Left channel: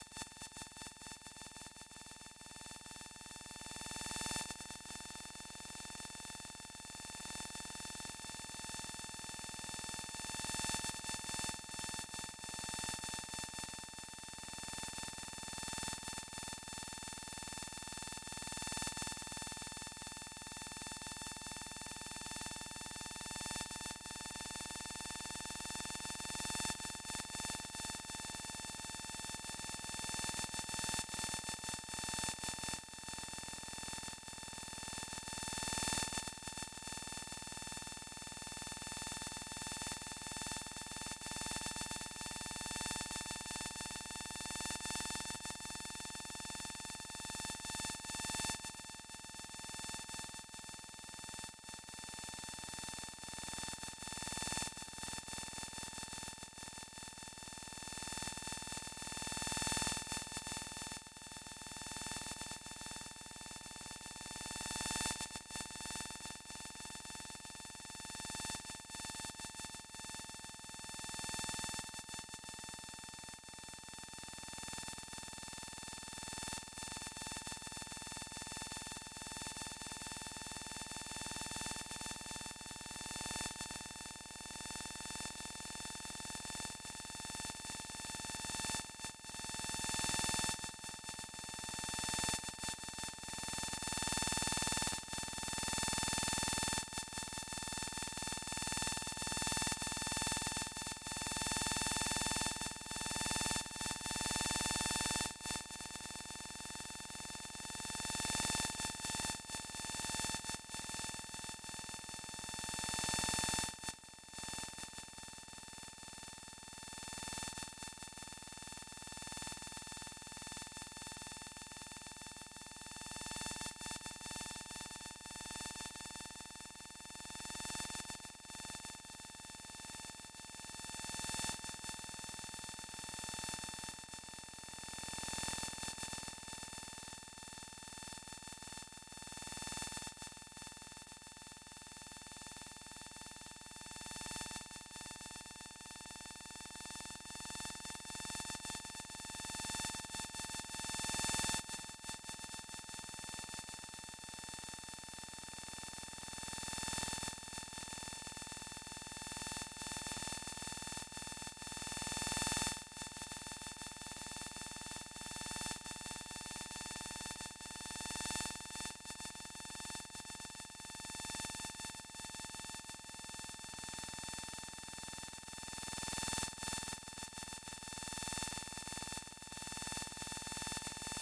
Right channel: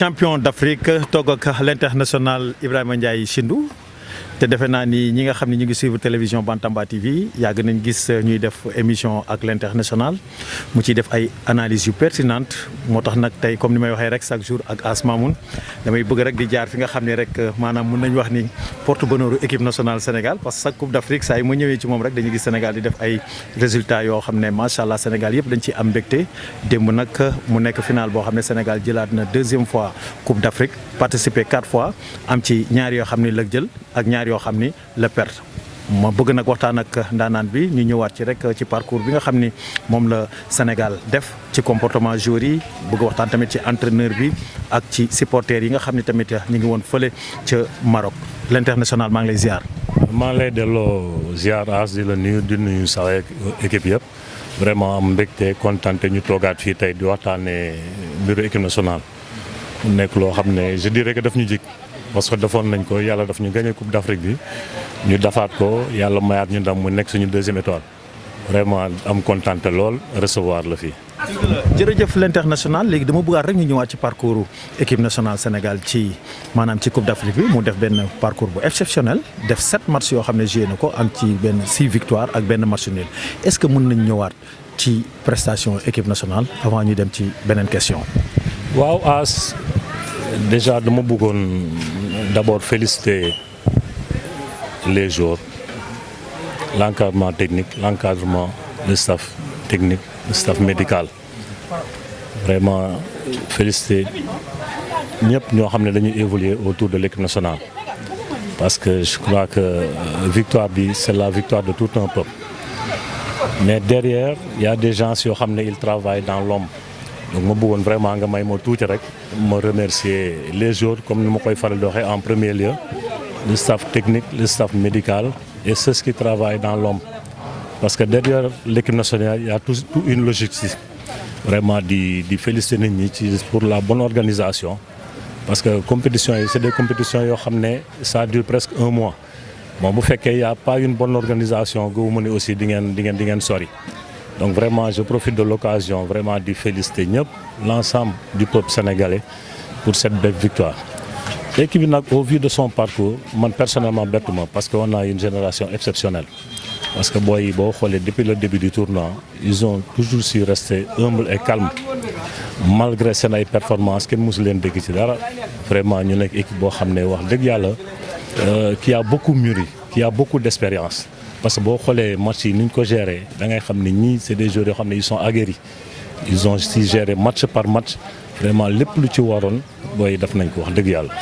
champion d'Afrique toog ak l'international Ibrahima Ndiaye Chindou te defe naa ni ñi nga xam ne ñu ngi suivre télévision Bantamba TV yàgg nañ gis ñuy def émission ak l'international mu ciy def ay analyses yu pertinentes moo tax nag tey comme ni may waxee rek chaque jour ak Asmamoun damay bëgg rek di jaar fi nga xam ne rek maanaam mën nañu wax ni porte-bonheur équipe nationale Sénégal parce que chaque coupe d'Afrique saa yi ma ñëwee ci moom rek dañuy gis Sénégal di def ay résultats yoo xam ne macha allah Sénégal yëpp dañ ciy am mbégte démb nag mu nekk final boo xam ne Sénégal jëlaat na deuxième fois coupe d'Afrique participé 4 fois am ci ñaar yoo xam ne la jël ak ñaar yoo xam ni la perte ma bëgg nag waxtaan ak ndaanaan bi ñu ñëwaat ci rek ci parcours bi nga xam ni moom la Sénégal def ci comportement joueurs yi bëgg waxtaan tamit ci entraîneur bi ak ci supporters yi nga xam ni tamit ñu ngi woon fële ca Maroc l'international maa ngi lay ziar. maa ngi lay delloo ziar as di la nuyu di nuyu sa équipe yëpp vraiment am mbégte kontaan te ñu toogaat fii tey di waxtaanee mbiru équipe nationale mu nekk loo xam ne je dirais que daf ñu jik parce que defoon nañ ko yàlla daf ñu gagné coupe d'Afrique bi ñu defaat ko yàlla mayaat ñu ndam mu nekk suñu deuxième étoile vraiment am kontaan te lool recevoir la fii. jërëjëf l'international léegi dama bëggaat rek ñu ñëwaat ci parcours équipe nationale Sénégal ci maanaam ci coupe d'Afrique bi mu def benn parcours bu exceptionnel def 7 matchs yoo xam ne joué na ko am ci benn 6 victoires ak benn match nul est-ce que mën nañ ñëwaat ci prestation équipe nationale avant ñu dem ci beneen question. waaw as déjà dama bëggoon d'abord féliciter les joueurs l'encadrement technique l'encadrement le staff technique le staff médical vraiment féliciter ñëpp ñoo xam ne dañuy évoluer autour de l'équipe nationale parce que je crois que victoire bi c'est la victoire de tout un peuple mais derrière il y a des gens yoo xam ne ils travaillent dans l'ombre donc ma bëggoon vraiment nga may ma tuuti rek ma remercier les joueurs comme ni ma koy faral di waxee en premier lieu le staff technique le staff médical et ceux qui travaillent dans l'ombre parce que derrière l'équipe nationale il y a tout une logistique vraiment di féliciter nit ñi ci pour la bonne organisation parce que compétitions yi c'est des compétitions yoo xam ne ça dure presque 1 mois bon bu fekkee y a pas une bonne organisation gëwuma ni aussi di ngeen sori. Donc vraiment je profite de l'occasion vraiment de féliciter ñëpp l'ensemble du peuple sénégalais pour cette belle victoire. L'équipe bi nag au vu de son parcours man personnellement bettuma parce que on a une génération exceptionnelle parce que booy yi boo xoolee depuis le début du tournoi ils ont toujours su rester humbles et calmes malgré seen ay performances kenn mosu leen dégg ci dara vraiment ñu nekk équipe boo xam ne wax dëgg yàlla qui a beaucoup mûri qui a beaucoup d'expérience. parce que boo xoolee match yi ni ñu ko gérer da ngay xam ne ñii c'est des joueurs yoo xam ne ils sont aguerris ils ont si géré match par match vraiment lépp lu ci waroon booy def nañ ko wax dëgg yàlla.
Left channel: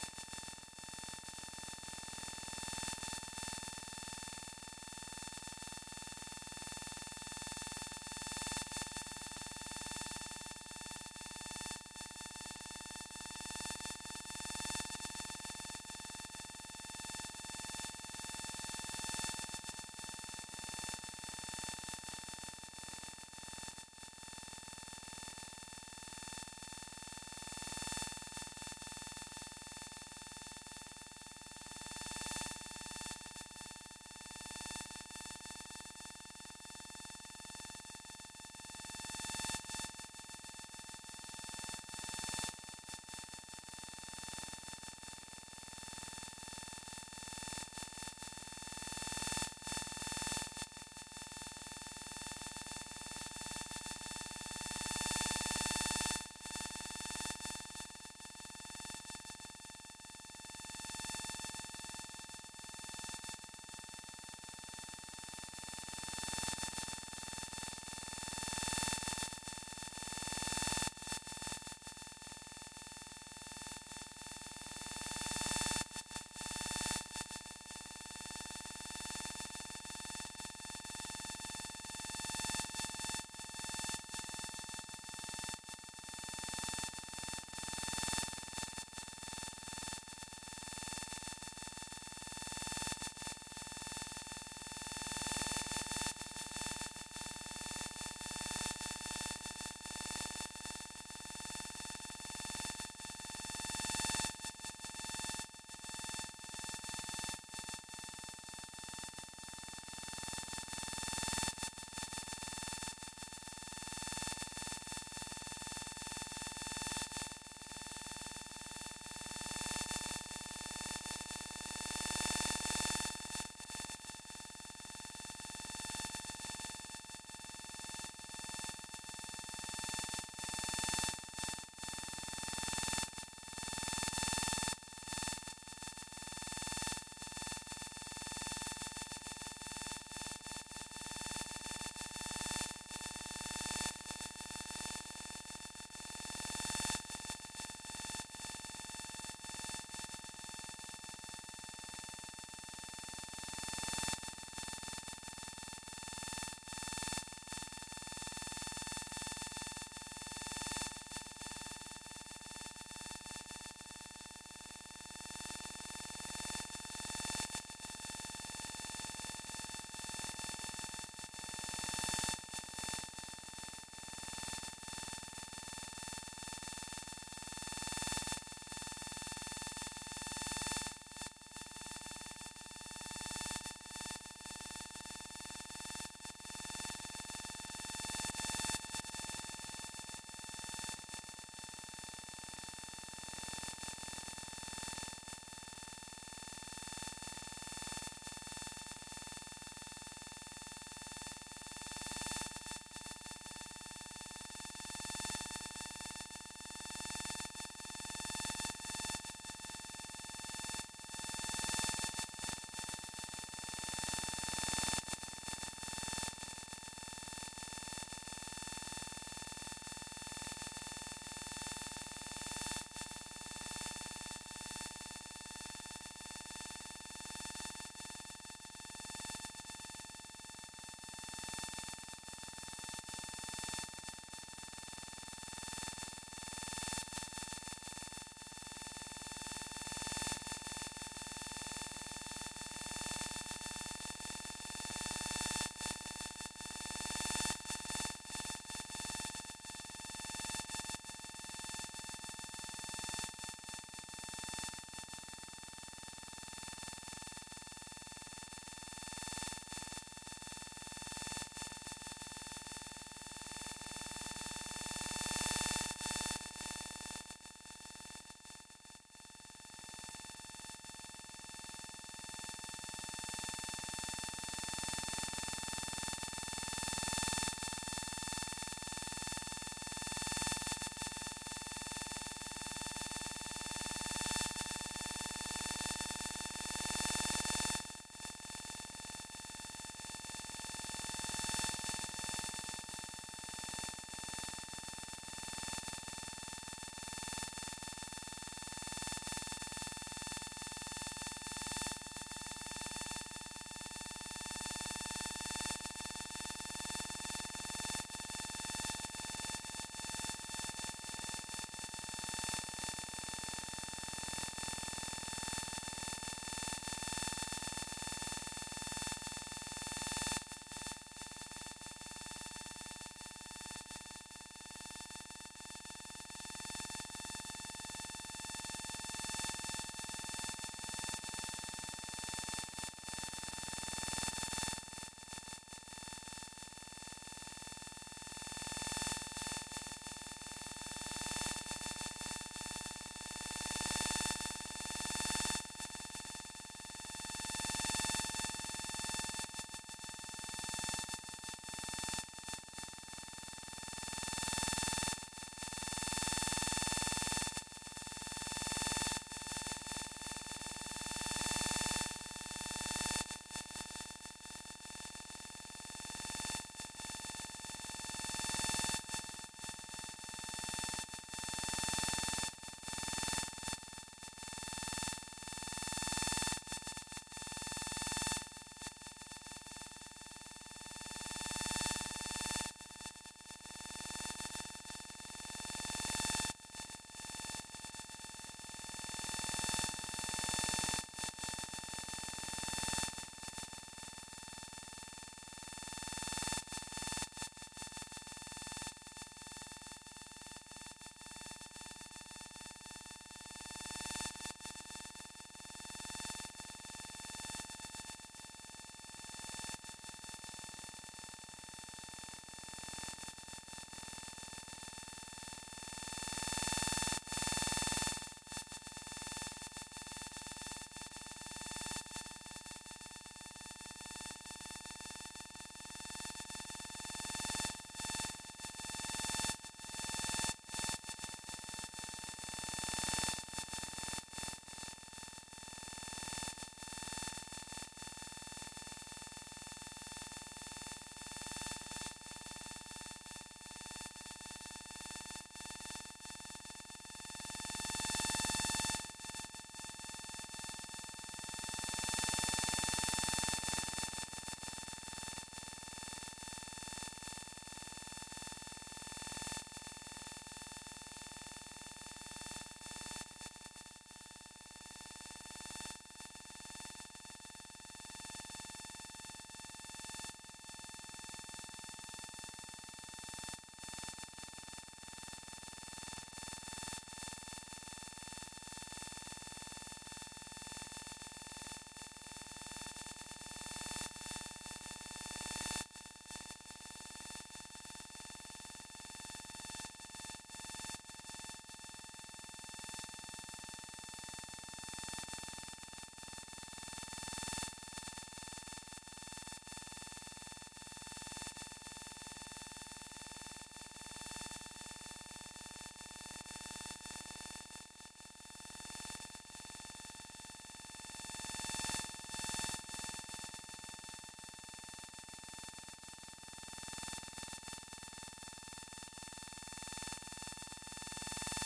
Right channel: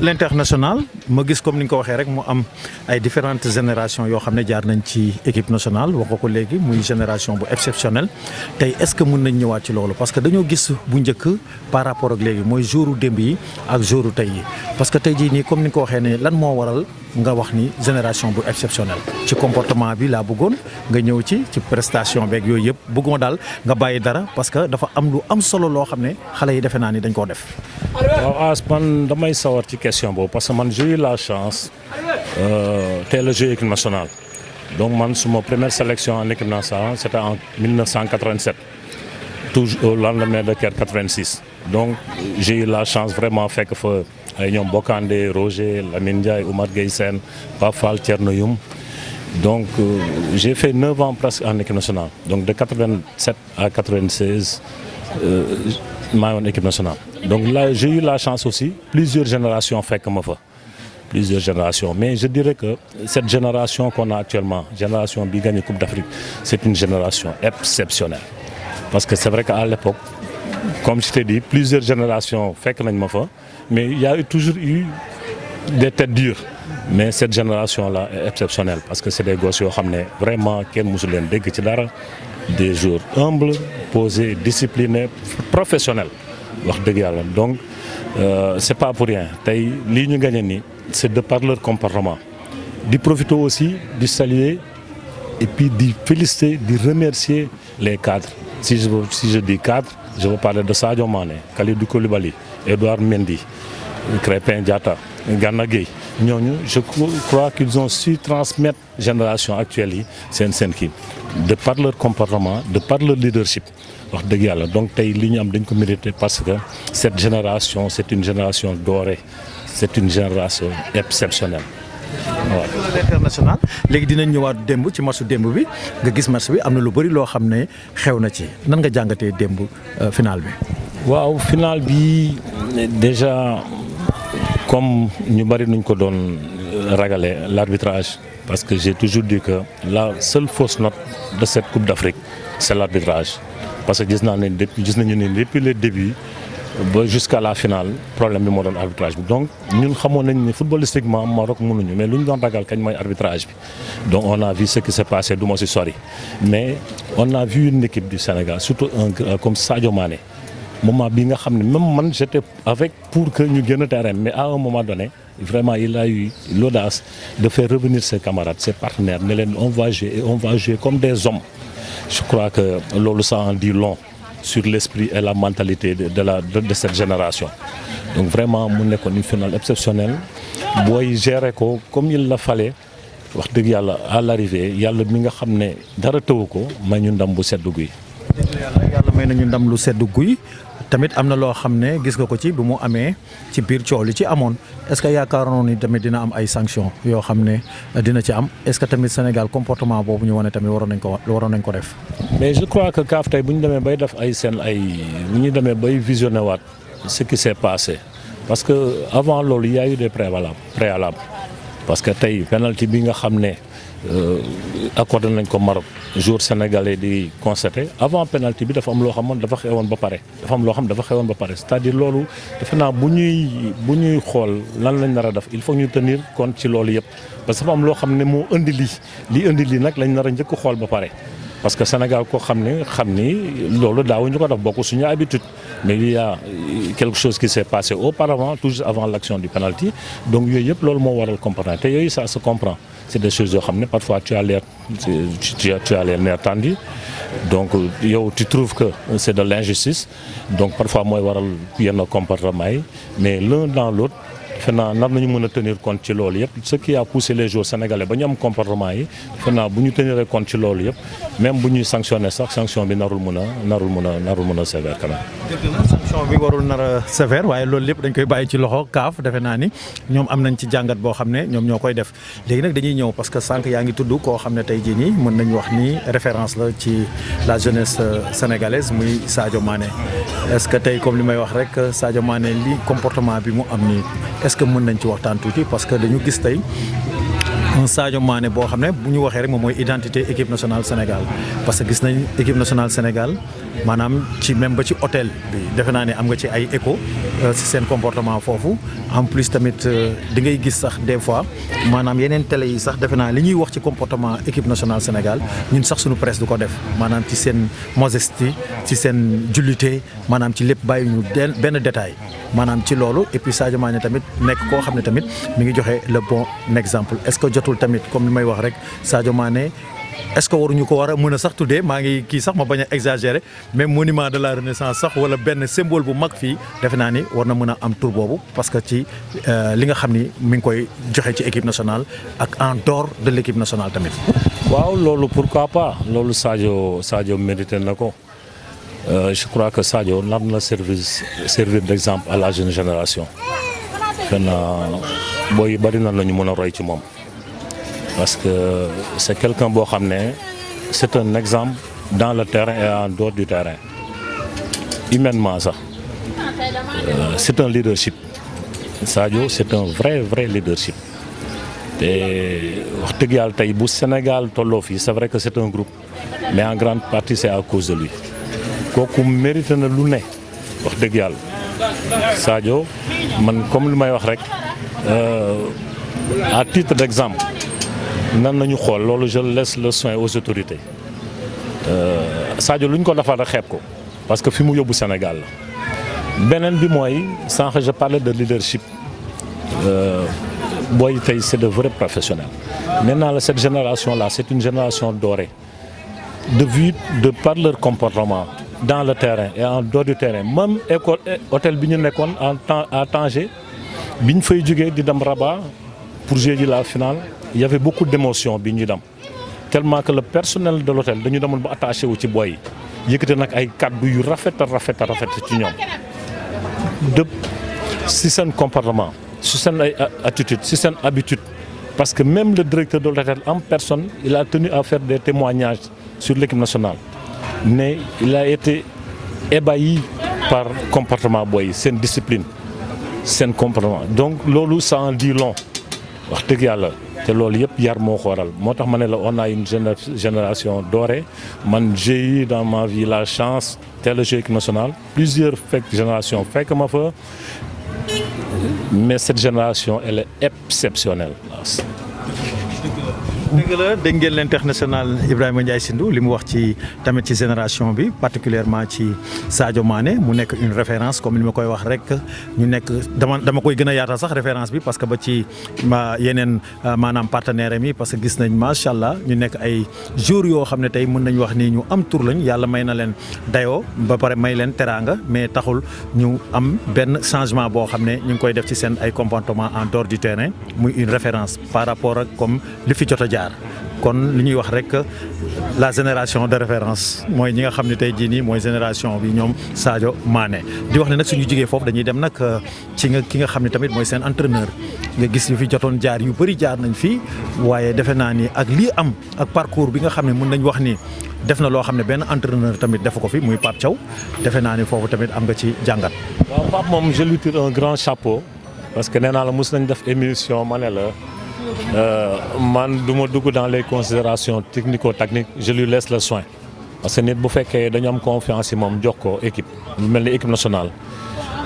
l'international ma gis comme ni nga ko waxee rek mu am ay différentes générations yoo xam ne jaar nañ ci équipe nationale wax ko léegi muy génération bu exceptionnelle tey est-ce que mën nañ ñëwaat ci loolu parce que dañoo gis bu njëkk par rapport ak léegi mooy jouru démb yi ak jouru tey yi parce que tey jii nii comme ni nga ko waxee ne lan moo waral nga wax ni génération bu exceptionnelle ci comportement bi laa bëggoon nga ñëw ci prestation beeg yooyu yëpp bëgguma daal nga bàyyi dara parce que dafa am lu am solo loo xam ne xale yi defe naa ni dañ koo def. waaw as man damay sawar ci question boobu parce que man j'ai eu la chance teel a jouer équipe nationale donc man suma première sélection en équipe nationale c'était en 1987 toujours au lendemain de Caire 86 donc j'ai eu la chance vraiment fekk fa ay ñoom Bokandé Roger Lamine Ndiaye Oumar Gueye Sène Pape Fall Thierno Youm donc j'ai fait 9 ans presque en équipe nationale donc de 87 à 96 maa ngi woon équipe nationale donc là j'ai eu la chance aussi plusieurs générations fekk ma fa plusieurs générations mais je dirais que cette génération qu'on a actuellement génération bi gagné Coupe d'Afrique c'est une génération exceptionnelle parce que c'est vrai qu'à l'époque comme je t'ai dit plusieurs générations fekk nañ ma fa mais il y a toujours eu des têtes dures mais cette génération-là est exceptionnelle parce que c'est des gosses yoo xam ne vraiment kenn mosu leen dégg ci dara des joueurs humbles posés disciplinés professionnels wax dëgg yàlla donc c'est pas pour rien tey lii ñu gagné nii c'est de par leur comportement di profiter aussi di saluer et puis di féliciter di remercier les cadres si je dis cadres je veux parler de Sadio Mané Kalidou Koulibaly Edouard Mendy Krépin Diatta Gana Gueye ñooñu je crois qu'ils ont su transmettre génération actuelle yi seen kii de par leur comportement de par leur leadership wax dëgg yàlla donc tey li ñu am dañ ko mérité parce que cette génération c'est une génération dorée c'est une génération exceptionnelle waaw. L'international léegi dinañ ñëwaat démb ci matchu démb bi nga gis match bi am na lu bëri loo xam ne xew na ci nan nga jàngatee démb final bi. waaw final bi déjà comme ñu bëri nuñ ko doon ragale l'arbitrage parce que j'ai toujours dit que la seule fausse note de cette Coupe d'Afrique c'est l'arbitrage parce que gis nañu ne depuis le début ba jusqu'à la finale problème bi moo doon arbitrage bi donc ñun xamoon nañ ne footballistiquement Maroc mënuñu mais lu ñu doon ragal kañ mooy arbitrage bi donc on a vu ce qui s'est passé du ma si sori mais on a vu une équipe du Sénégal surtout un comme Sadio Mané moment bi nga xam ne même man j'étais avec pour que ñu génn terrain mais à un moment donné vraiment il a eu l'audace de faire revenir ses camarades ses partenaires ne leen on va jouer comme des hommes je crois que loolu ça en dit long sur l'esprit et la mentalité de cette génération donc vraiment mu nekkoon une finale exceptionnelle booy gérer ko comme il la fallait wax dëgg yàlla à l'arrivée yàlla mi nga xam ne dara tëwu ko may ñu ndam bu sedd guy. yàlla may nañu ndam lu sedd guy tamit am na loo xam ne gis nga ko ci bu mu amee ci biir coow li ci amoon est-ce que yaakaaroon ni tamit dina am ay sanctions yoo xam ne dina ci am est-ce que tamit Sénégal comportement boobu ñu wane tamit waroon nañ ko def. mais je crois que CAF tey bu ñu demee bay def bu ñu demee bay visionné waat ce qui s'est passé parce que avant loolu il y a eu des préalables parce que tey penalty bi nga xam ne accordé nañ ko Maroc joueur sénégalais di constaté avant penalty bi dafa am loo xam dafa xewoon ba pare c'est-à-dire loolu defe naa bu ñuy xool lan lañ nar a def il faut ñu tenir compte ci loolu yëpp parce que dafa am loo xam ne moo indi lii nag lañ nar a njëkk xool ba pare parce que Sénégal ko xam ni loolu daawuñu ko def bokk suñu habitude mais il y a quelque chose qui s'est passé auparavant tout juste avant l'action du penalty donc yooyu yëpp loolu moo waral comprendre te yooyu ça se comprend c'est des choses yoo xam ne parfois tu as les nerfs tendus donc yow tu trouves que c'est de l'injustice donc parfois mooy waral yenn comportement yi mais l'un dans l'autre fenaa nar nañu mën a tenir compte ci loolu yëpp ce qui a poussé les joueurs sénégalais ba ñu am comportement yi fenaa bu ñu tenir compte ci loolu yëpp même bu ñuy sanctionner sax sanction bi narul mën a sévère quand même. sanction bi warul nar a sévère waaye loolu lépp dañ koy bàyyi ci loxo CAF defe naa ni ñoom am nañ ci jàngat boo xam ne ñoom ñoo koy def léegi nag dañuy ñëw parce que sànq yaa ngi tudd koo xam ne tey jii nii mën nañu wax ni référence la ci la jeunesse sénégalaise muy Sadio Mané est-ce que tey comme li may wax rek Sadio Mané li comportement bi mu am nii est-ce que mën nañ ci waxtaan tuuti parce que dañu gis tey un Sadio Mané boo xam ne bu ñu waxee rek moom mooy identité équipe nationale Sénégal parce que gis nañ équipe nationale Sénégal maanaam ci même ba ci hôtel bi defe naa ne am nga ci ay écho ci seen comportement foofu en plus tamit di ngay gis sax des fois maanaam yeneen télé yi sax defe naa li ñuy wax ci comportement équipe nationale Sénégal ñun sax suñu presse du ko def maanaam ci seen modestie ci seen jullité maanaam ci lépp bàyyi ñu benn détail maanaam ci loolu et puis Sadio Mané tamit nekk koo xam ne tamit mi ngi joxe le bon exemple est-ce que jotul tamit comme li may wax rek Sadio Mané est-ce que waruñu ko war a mën a sax tuddee maa ngi kii sax ma bañ a exagérer même monument de la renaissance sax wala benn symbole bu mag fii defe naa ni war na mën a am tur boobu parce que ci li nga xam ni mi ngi koy joxe ci équipe nationale ak en dehors de l'équipe nationale tamit. waaw loolu pourquoi pas loolu Sadio mérité na ko. Je crois que Sadio nar na servir d'exemple à la jeune génération booy bari na la ñu mën a roy ci moom parce que c'est quelqu'un boo xam ne c'est un exemple dans le terrain et en dehors du terrain humainement sax c'est un leadership Sadio c'est un vrai leadership te wax dëgg yàlla tey bu Sénégal tolloo fii c'est vrai que c'est un groupe mais en grande partie c'est à cause de lui kooku mérité na lu ne wax dëgg yàlla Sadio man comme li may wax rek à titre d'exemple nan nañu xool loolu je laisse le soin aux autorités Sadio lu ñu ko defal rek xeeb ko parce que fi mu yóbbu Sénégal la beneen bi mooy sànq je parlais de leadership booy tey c'est de vrais professionnels maintenant cette génération là c'est une génération dorée de par leur comportement dans le terrain et en dehors du terrain même école hôtel bi ñu nekkoon à Tanger bi ñu fay jógee di dem Rabat pour jouer ji la finale il y avait beaucoup d'émotions bi ñuy dem tellement que le personnel de l'hôtel dañu demoon ba attaché wu ci boy yi yëkkati nag ay kàddu yu rafet ci ñoom de si seen comportement si seen ay attitude si seen habitude parce que même le directeur de l'hôtel en personne il a tenu à faire des témoignages sur l'équipe nationale mais il a été ébahi par comportement booy seen discipline seen comportement donc loolu ça en dit long wax dëgg yàlla te loolu yëpp yar moo ko waral moo tax ma ne la on a une génération dorée man j'ai eu dans ma vie la chance teel a joué équipe nationale plusieurs générations fekk ma fa mais cette génération elle est exceptionnelle. dëgg la dégg ngeen l'international Ibrahima Ndiaye Shindou li mu wax ci tamit ci génération bi particulièrement ci Sadio Mané mu nekk une référence comme li ma koy wax rek ñu nekk dama koy gën a yaatal sax référence bi parce que ba ci yeneen maanaam partenaire mi parce que gis nañ macha allah ñu nekk ay joueurs yoo xam ne tey mën nañu wax ni ñu am tur lañ yàlla may na leen dayoo ba pare may leen teraanga mais taxul ñu am benn changement boo xam ne ñu ngi koy def ci seen ay comportement en dehors du terrain muy une référence par rapport ak comme li fi jot a jaar kon li ñuy wax rek la génération de référence mooy ñi nga xam ne tey jii nii mooy génération bi ñoom Sadio Mané di wax ne nag suñu jigee foofu dañuy dem nag ci ki nga xam ne tamit mooy seen entraîneur nga gis yu fi jotoon jaar yu bëri jaar nañ fii waaye defe naa ni ak lii am ak parcours bi nga xam ne mën nañ wax ni def na loo xam ne benn entraîneur tamit defu ko fi muy Pape Thiaw defe naa ni foofu tamit am nga ci jàngat. waaw Pape moom je lui tire un grand chapeau parce que nee naa la mos nañ def émission ma ne la. man du ma dugg dans les considérations technico-techniques je lui laisse le soin parce que nit bu fekkee dañu am confiance ci moom jox ko équipe lu mel ni équipe nationale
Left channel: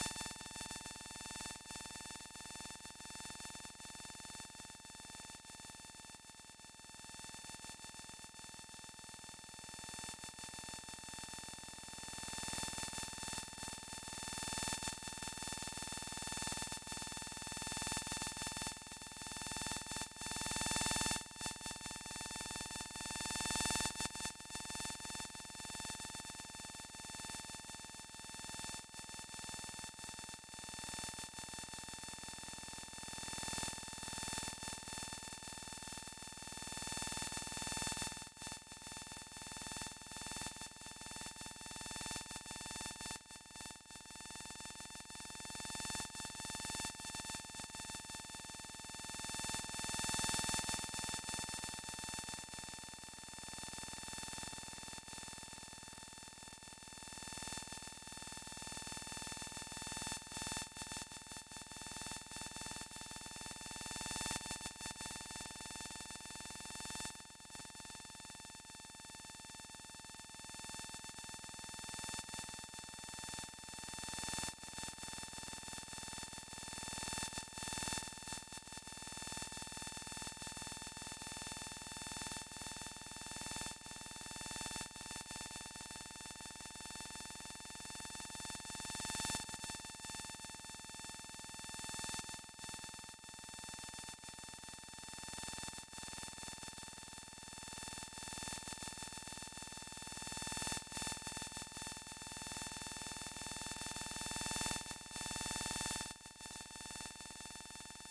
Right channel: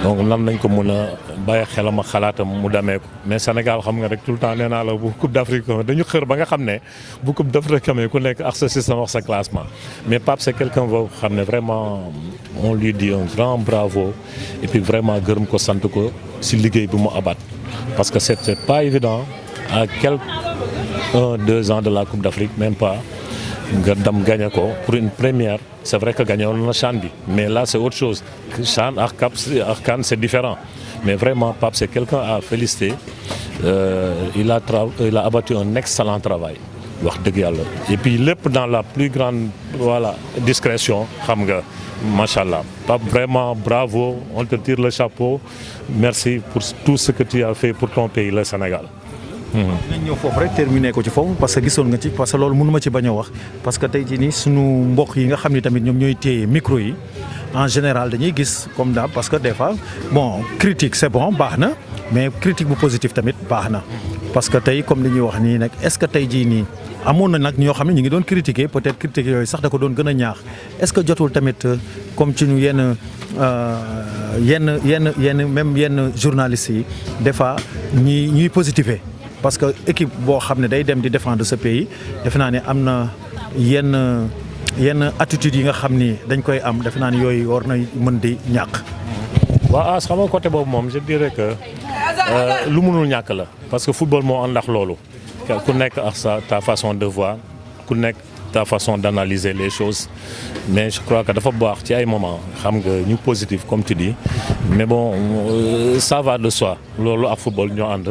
donc nan nañ ko mën a bàyyi xelam ak xalaatam mu demee ko mais Sénégal xam nga rek tout le temps nee naa la bu Coupe d'Afrique dañu xër ba nga xam ne bu Coupe d'Afrique amee ku nekk ak sa système ak sa classement mais Pape c'est quelqu'un boo xam ne vraiment on lui dit un grand bravo et puis vraiment gërëm ko sant ko ci liggéey bi mu abat parce que c'était pas évident à quelques 1-2 ans de la Coupe d'Afrique même pas nga dem gagné ko pour une première c'est vrai que gagné woon na CHAN bi mais là c'est autre chose CHAN ak CAN c'est différent mais vraiment Pape c'est quelqu'un à féliciter il a abattu un excellent travail wax dëgg yàlla et puis lépp dans la plus grande discrétion xam nga machallah Pape vraiment bravo on te tire le chapeau merci pour tout ce que tu as fait pour ton pays le Sénégal. dinañ ñëw foofu rek terminé ko ci foofu parce que gisoon nga ci parce que loolu mënu ma ci bañ a wax parce que tey jii nii sunu mbokk yi nga xam ni tamit ñoom ñooy téye micro yi en général dañuy gis comme daal parce que des fois bon critique c'est bon baax na mais critique bu positif tamit baax na parce que tey comme li ñuy wax nii nag est-ce que tey jii nii amoon na nag ñoo xam ne ñu ngi doon critiquer peut-être critiques yooyu sax da ko doon gën a ñaax est-ce que jotul tamit comme ci ñu yenn journalistes yi des fois ñuy positiver. parce que équipe boo xam ne day dem di défendre ce pays defe naa ne am na yenn attitudes yi nga xam ni dañ koy am defe naa ne yooyu war na mën di ñàkk. waaw xam nga côté boobu moom je dirais que lu mënul ñàkk la parce que football moo ànd ak loolu ku nekk ak ta façon de voir ku nekk ta façon d'analyser les choses mais je crois que dafa baax ci ay moments xam nga ñu positif comme tu dis mais bon ça va de soi loolu ak football ñoo ànd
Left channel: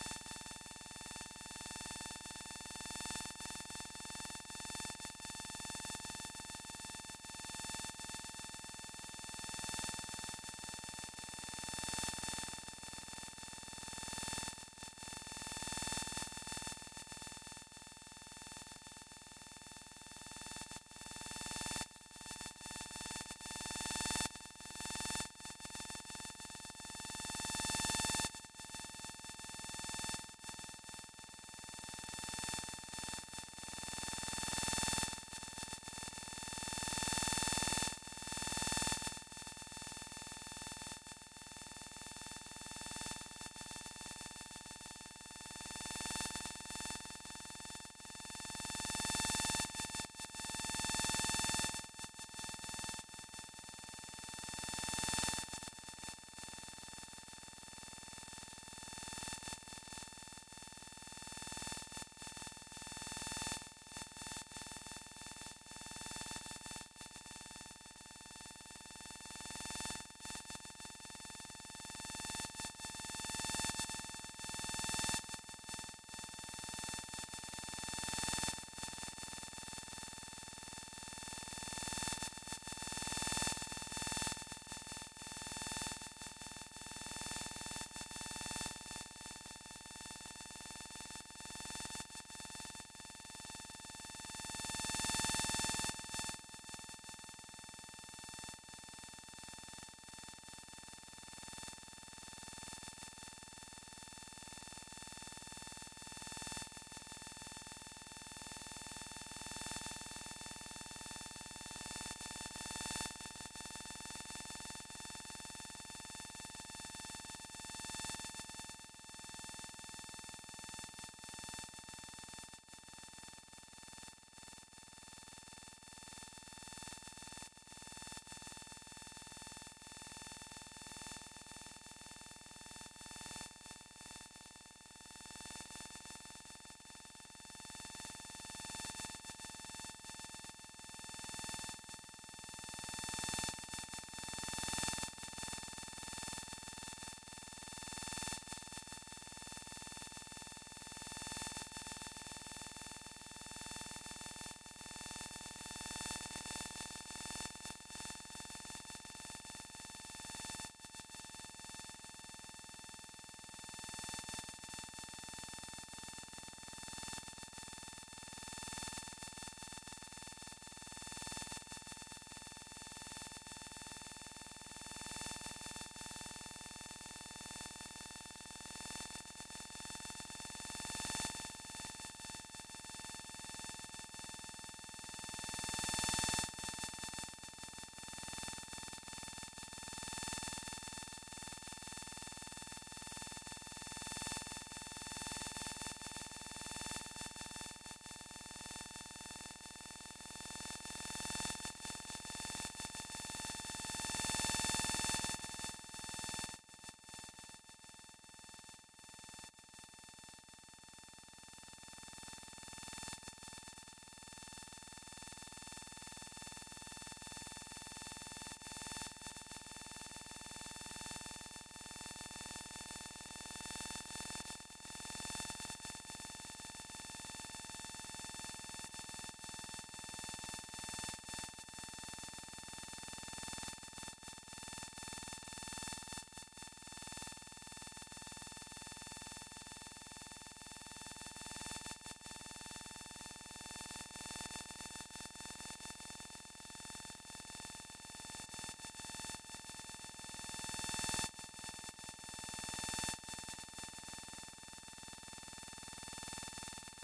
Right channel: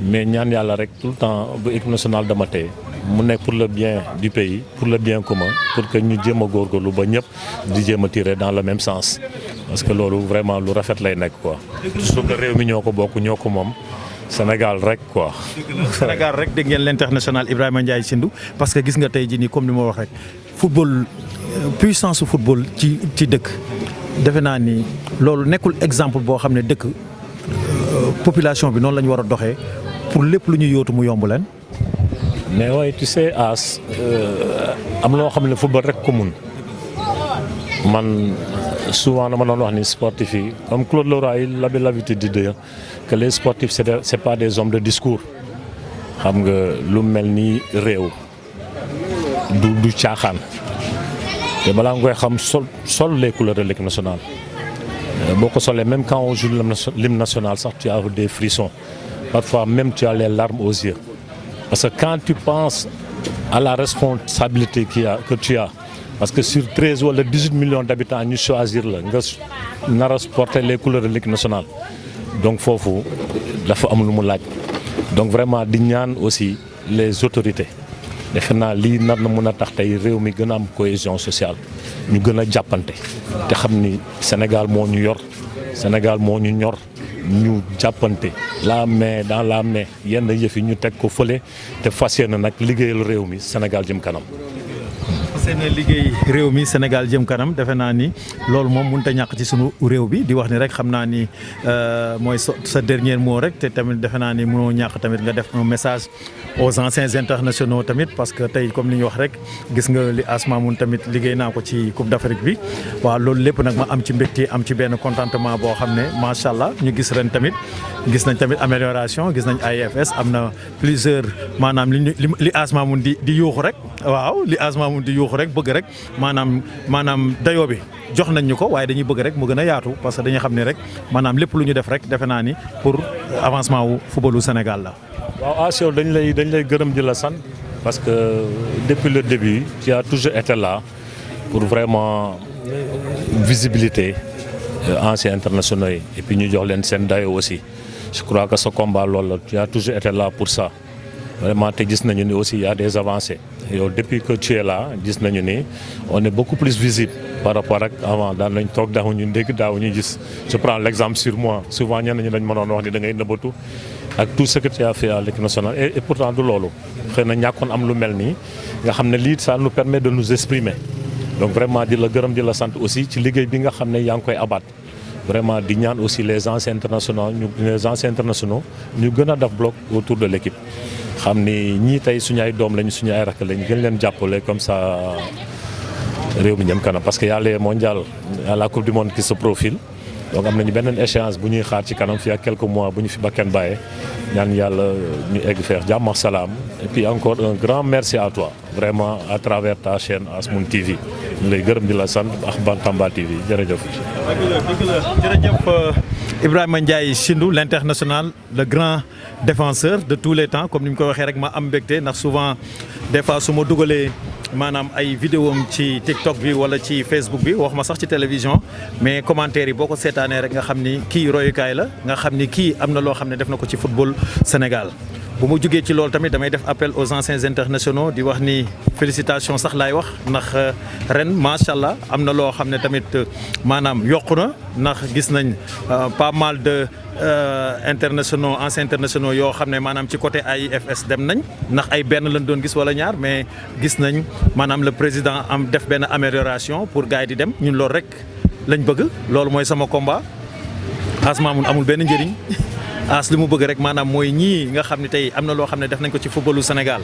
mais ñaan yàlla rek tout le temps bu équipe nationale dama tey mu nekk pour le bien du pays pour le bien commun pour que ñu jéem a góorgóorlu ba ñëpp di jéem a tirer dans le même sens parce que loolu vraiment lu rafet lay nekk quoi surtout que réew mi ñoo ko bokk ñoo ko moom Sénégal rek quoi. Sénégal rek dégg ngeen l'international Ibrahima Ndiaye Shindou parce que gis nga tey jii nii comme ni ma wax rek football puissance su football ci dëkk defe naa ni loolu nekkul exemple boo xam ne dëkk population bi noonu la ñu war a doxee pour lépp lu ñu yóotu mu yomb leen. mais waaye tu sais As am loo xam ne football rek ko mun man souvent dama doon wax ni sportif yi comme Claude Lora il avait l'habitude de dire que les sportifs c'est pas des hommes de discours xam nga lu mel ni réew du caaxaan te balaa nga koy xam sol les couleurs de l'équipe nationale boo ko solee même quand on joue l'hymne national sax tu as des frissons parfois même tu as les larmes aux yeux parce que quand tu penses à la responsabilité que tu as parce que sur 13 wala 18 millions d'habitants ñu choisir la nga nar a porter les couleurs de l'équipe nationale donc foofu dafa am lu mu laaj donc vraiment di ñaan aussi les autorités defe naa lii nar na mën a tax tey réew mi gën a am cohésion sociale ñu gën a jàppante te xam ni Sénégal moo ñu yor Sénégal moo ñu ñor ñu jàppante la main dans la main yenn yëf yi ñu teg ko fële te fas yéene nag liggéeyal réew mi Sénégal jëm kanam. seen liggéey réew mi Sénégal jëm kanam defe naa ni loolu moom mënut a ñàkk ci sunu réew bi di wax ni rek xam naa ni mooy sa dernier mot rek te tamit defe naa ni mënoo ñàkk tamit nga def un message aux anciens internationaux tamit parce que tey comme li ñu wax rek gis nga li Asma mun tamit liggéey naa ko ci Coupe d'Afrique bi waaw loolu lépp nag ma am ci mbégte am ci benn contentement boo xam ne macha allah ñu gis ren tamit gis nañ tamit amélioration gis nañ AIFS am na plusieurs maanaam li Asma mun di yuuxu rek waaw li Asma mun di yuuxu rek bëgg rek maanaam dayoo bi jox nañ ñu ko waaye dañuy bëgg rek mu gën a yaatu parce que dañuy xam ne rek maanaam lépp lu ñu def rek defe naa ni pour avancement wu footballu Sénégal la. waaw Asio dañ lay gërëm di la sant parce que depuis le début tu as toujours été là pour vraiment visibilité anciens internationaux yi et puis ñu jox leen seen dayoo aussi je crois que ce combat loolu la tu as toujours été là pour ça vraiment te gis nañu ni aussi il y a des avancées yow depuis que tu es là gis nañu ni on est beaucoup plus visible par rapport ak avant daan nañ toog daawuñu dégg daawuñu gis je prends l'exemple sur moi souvent ñenn ñi dañ mënoon wax ni da ngay nëbbatu ak tout ce que tu as fait à l'équipe nationale et pourtant du loolu xëy na ñàkkoon am lu mel nii nga xam ne lii ça nous permet de nous exprimer donc vraiment di la gërëm di la sant aussi ci liggéey bi nga xam ne yaa ngi koy abat vraiment di ñaan aussi les anciens internationaux ñu gën a def bloc autour de l'équipe xam ni ñii tey suñu ay doom lañu suñu ay rakk lañu gën leen jàppale comme ça réew mi jëm kanam parce que y a les mondiales à la coupe du monde qui se profile donc am nañu beneen échéance bu ñuy xaar ci kanam fii ak quelques mois bu ñu fi bakkan bàyyee ñaan yàlla ñu egg feex jàmm ak salaam et puis encore un grand merci à toi vraiment à travers ta chaîne Asmoon TV ñu lay gërëm di la sant ak Bantamba TV jërëjëf. jërëjëf Ibrahima Ndiaye Chindou l'international le grand défenseur de tous les temps comme ni mu ko waxee rek ma am mbégte ndax souvent des fois su ma dugalee maanaam ay vidéo am ci TikTok bi wala ci Facebook bi wax ma sax ci télévision mais commentaires yi boo ko seetaanee rek nga xam ni kii royukaay la nga xam ni kii am na loo xam ne def na ko ci football Sénégal. bu ma jógee ci loolu tamit damay def appel aux anciens internationaux di wax ni félicitations sax laay wax ndax ren macha allah am na loo xam ne tamit maanaam yokku na ndax gis nañ pas mal de internationaux anciens internationaux yoo xam ne maanaam ci côté AIFS dem nañ ndax ay benn lañ doon gis wala ñaar mais gis nañ maanaam le président am def benn amélioration pour gars yi di dem ñun loolu rek lañ bëgg loolu mooy sama combat Asma mun amul benn njëriñ. As li mu bëgg rek maanaam mooy ñii nga xam ne tey am na loo xam ne def nañ ko ci footballu Sénégal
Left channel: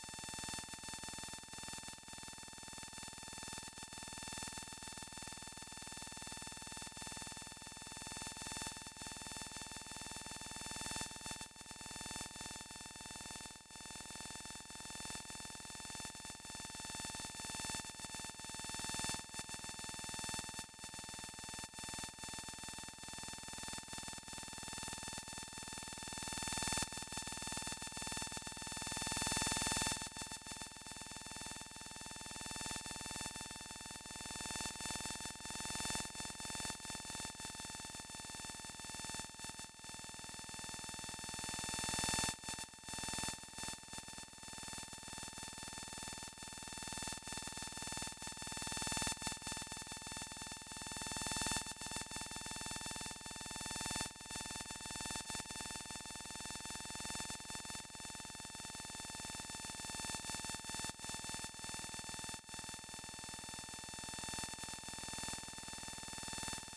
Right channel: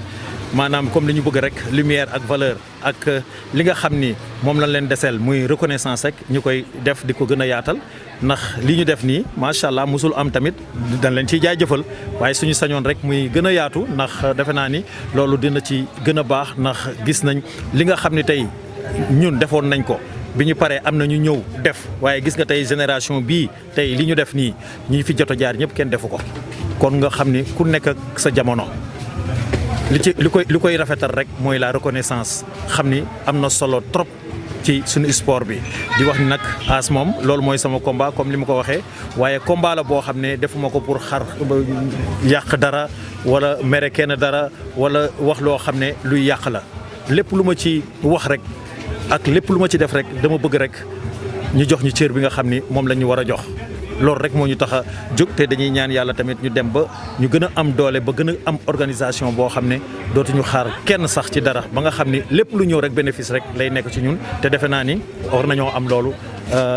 maanaam comme li ñu bëgg rek lumière ak valeur ak li nga xam ni moom lañ leen deseel muy reconnaissance rek ñu koy def di ko gën a yaatal ndax li ñu def nii macha allah musul am tamit dañ leen ciy jaajëfal waaye suñu sañoon rek muy gën a yaatu ndax defe naa ni loolu dina ci gën a baax ndax gis nañ li nga xam ne tey ñun defoon nañ ko. bi ñu paree am na ñu ñëw def waaye gis nga tey génération bii tey li ñu def nii ñi fi jot a jaar ñëpp kenn defu ko kon nga xam ni ku nekk ak sa jamono li koy rafetal rek mooy la reconnaissance xam ni am na solo trop ci suñu sport bi di wax ni nag As moom loolu mooy sama combat comme li ma ko waxee waaye combat la boo xam ne defuma ko pour xar yàq dara wala mere kenn dara wala wax loo xam ne luy yàq la lépp lu ma ci wax rek ak lépp lu ma ci def rek dama bëgg rek ñu jox ñu cër bi nga xam ni moom la ñu war a jox loolu rek moo ñu tax a jóg te dañuy ñaan yàlla tamit ñu dem ba ñu gën a am doole ba gën a am organisation boo xam ne dootuñu xaar kenn sax ci dara ba nga xam ni lépp lu ñëw rek bénéfice rek lay nekk ci ñun te defe naa ni war nañoo am loolu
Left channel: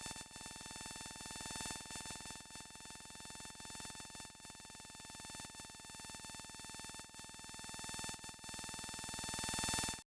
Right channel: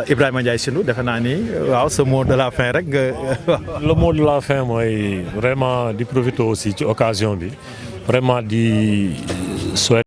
Ibrahima Ndiaye Chindou defe naa ni waaw ce mot de la fin rek nga. Le mot de la fin mooy vraiment di profiter aussi ci occasion bi vraiment di souhaiter